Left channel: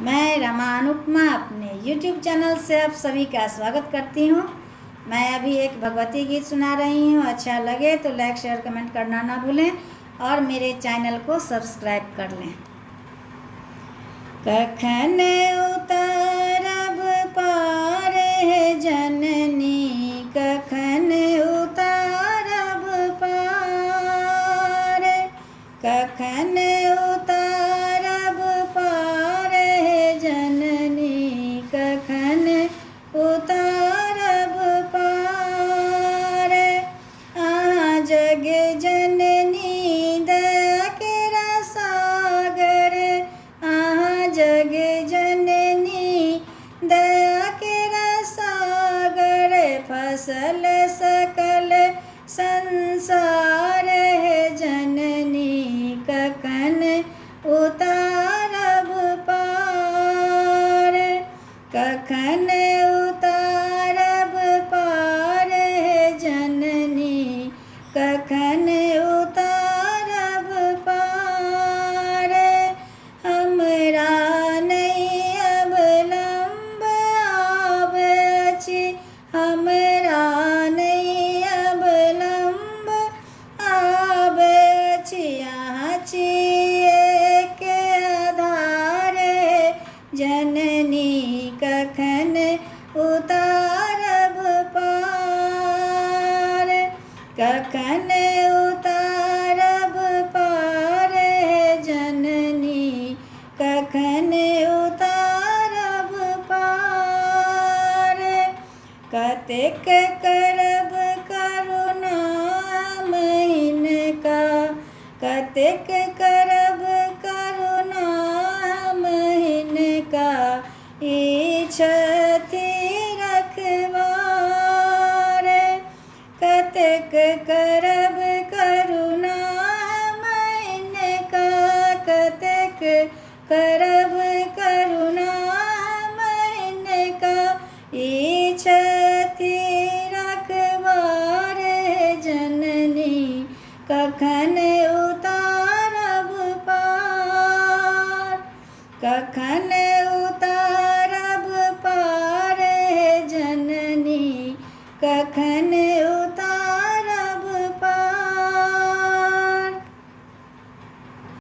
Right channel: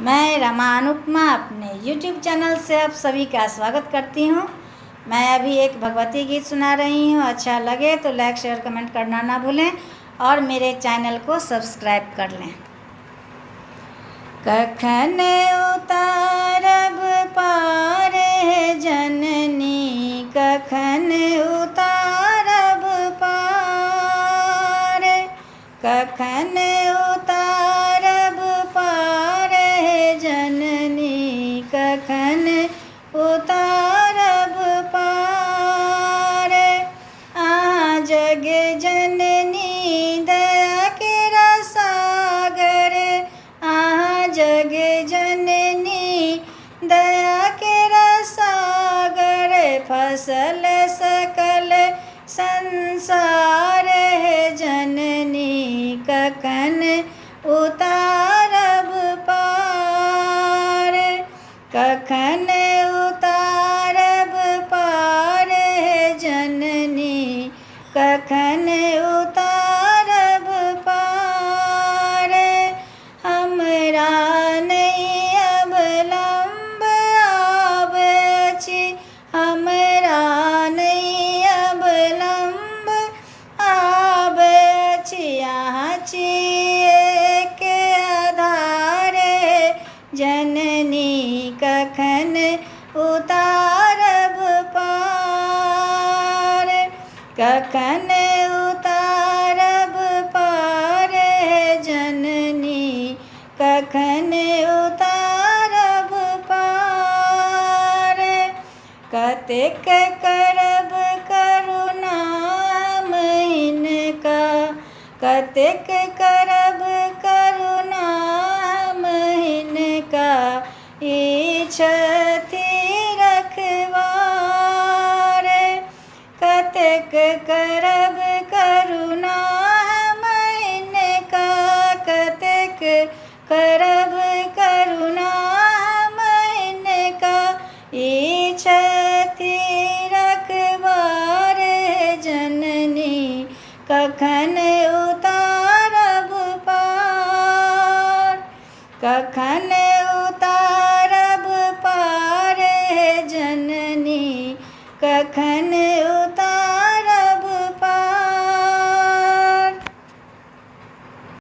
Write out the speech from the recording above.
मैं रमा अनुपमा अपने YouTube channel से आप सभी का स्वागत करती हूँ। मैं अभी एक भगवती गीत सुना रही हूँ। अच्छा लगे तो लाइक शेयर कमेंट करना ना भूलें और मेरे चैनल को सब्सक्राइब कर लें। कखन उतारब पार जननी, कखन उतारब पार, कखन उतारब पार जननी, कखन उतारब पार। जग जननी दया के रसागर, जग जननी दया के रसागर, फसल सकल संसार है जननी, कखन उतारब पार, कखन उतारब पार है जननी, कखन उतारब पार। हमरा नहीं अब लंब आबछि, हमरा नहीं अब लंब आबछि, यहाँ छिए के आधार जननी, कखन उतारब पार, कखन उतारब पार जननी, कखन उतारब पार। कतेक करब करुणा हिनका, कतेक करब करुणा हिनका,